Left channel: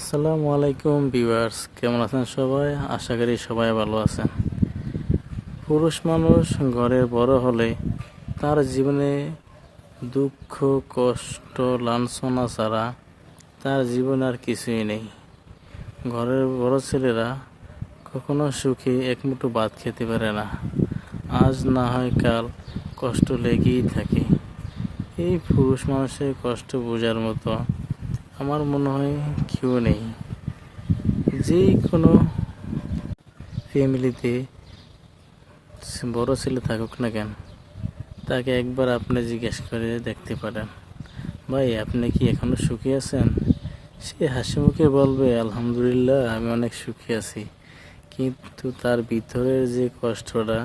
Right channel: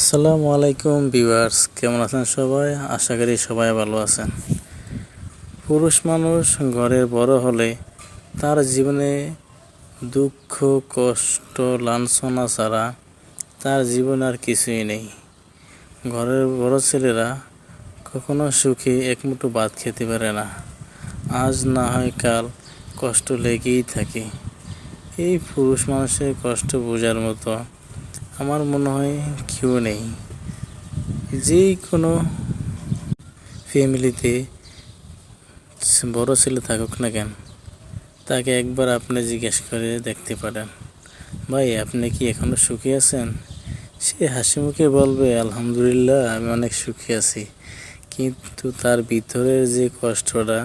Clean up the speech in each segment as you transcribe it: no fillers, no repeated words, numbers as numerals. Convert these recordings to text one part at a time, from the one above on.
আসসালামু আলাইকুম ভিউয়ার্স, কেমন আছেন সবাই? আশা করি সবাই ভালো আছেন। পুরুষ মানুষ ঘরের বড় হলে তার জীবনে দুঃখ, কষ্ট, লাঞ্ছনা ছাড়া তার জীবনে আর কিছুই নেই। ঘরের বড় ছেলেরা কখনো সুখে একমুঠো ভাত খেতে পারে না। আজ না হয় কাল কষ্ট লেগেই থাকে। এই পুরুষ মানুষের কষ্ট বোঝার মতো আমার মনে হয় কেউ নেই। যে কোনো ফ্যামিলিতে বড় ছেলে থাকুক না কেন, তাকে একবার আপনি জিজ্ঞেস করে দেখতে পারেন, ভাই আপনি কি এখনো সুখী আছেন? সে হাসি মুখে বলবে, আলহামদুলিল্লাহ আমি অনেক সুখী আছি। কিন্তু তার ভিতরের যে কষ্টটা,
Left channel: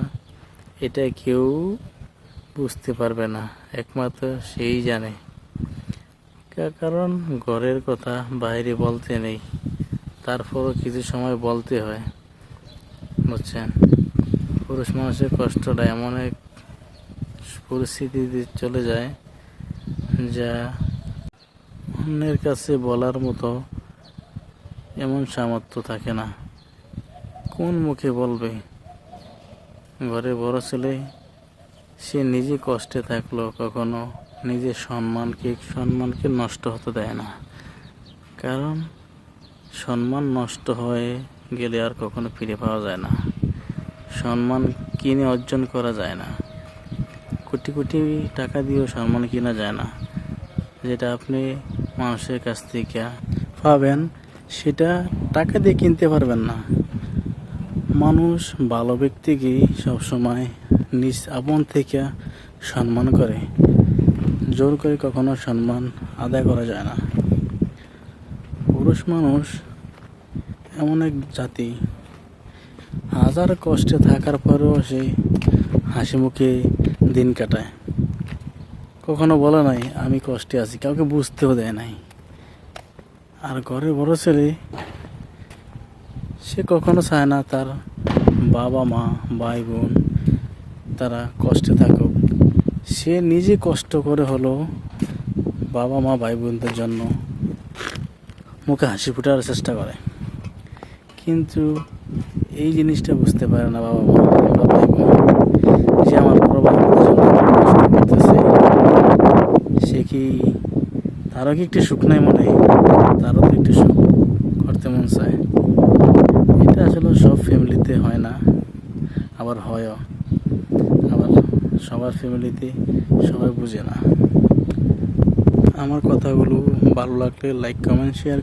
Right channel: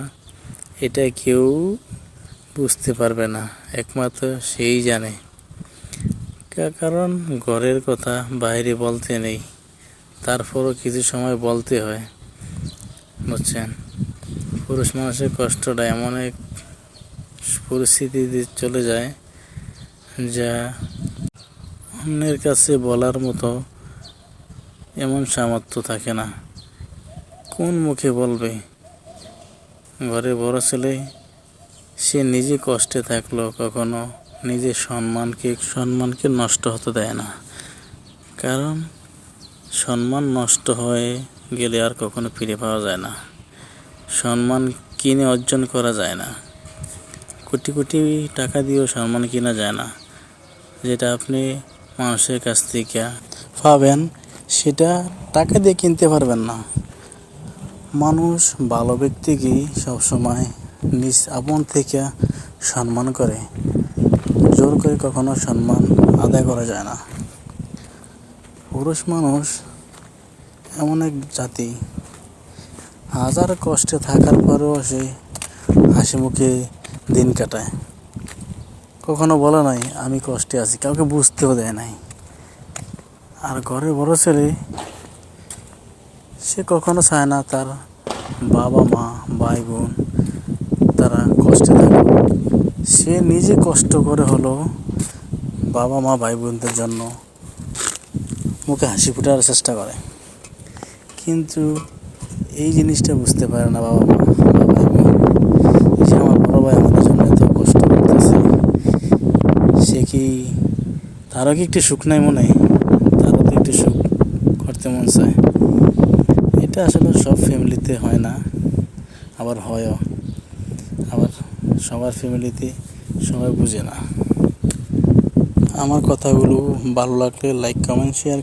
এটা কেউ বুঝতে পারবে না, একমাত্র সেই জানে। কারণ ঘরের কথা বাইরে বলতে নেই, তারপরও কিছু সময় বলতে হয়, বুঝছেন? পুরুষ মানুষের কষ্টটা এমন এক পরিস্থিতিতে চলে যায় যা অন্যের কাছে বলার মতো এমন সামর্থ্য থাকে না। কোন মুখে বলবে? ঘরে বড় ছেলে, সে নিজে কষ্টে থাকলেও কখনো নিজের সম্মানকে নষ্ট হতে দেয় না। কারণ সম্মান নষ্ট হয়ে গেলে আর কখনো ফিরে পাওয়া যায় না। সম্মান কিনে অর্জন করা যায় না। কোটি কোটি টাকা দিয়েও সম্মান কিনা যায় না। যেটা আপনি মানুষের কাছ থেকে পাবেন, সেটা টাকা দিয়ে কিনতে পারবেন না। মানুষ ভালো ব্যক্তিকেই সবসময় নিজ আপন থেকে সম্মান করে, জোর করে কখনো সম্মান আদায় করা যায় না। পুরুষ মানুষ এমন এক জাতি, হাজার কষ্টে থাকার পরেও সে হাসি মুখে দিন কাটায়। কখনো বলে নাই আমি কষ্টে আছি, কাউকে বুঝতেও দেয় নাই। আর ঘরের বড় ছেলে, সে কখনো চায় না তার বাবা মা ভাই বোন তারা কষ্টে থাকুক। সে নিজে কষ্ট করে হলো বাবা মা ভাই বোনদের জন্য মুখে হাসি ফোটার চেষ্টা করে। কিন্তু এই জিনিসটা বুঝতে পারে না বাবা মা বা ভাই বোন, যে আমার বড় ভাই বোনের জন্য এত কষ্ট করতেছে, সে কি তারও কি একটু সুখ নাই মনে? তারও তো একটু সুখ করতে মন চায়। এটা আসলে সব ফ্যামিলিতে হয় না, আবার হয়ও, আবার সবার ফ্যামিলিতে সবাই বুঝে না। আমার কথাগুলো ভালো লাগলে লাইক কমেন্ট শেয়ার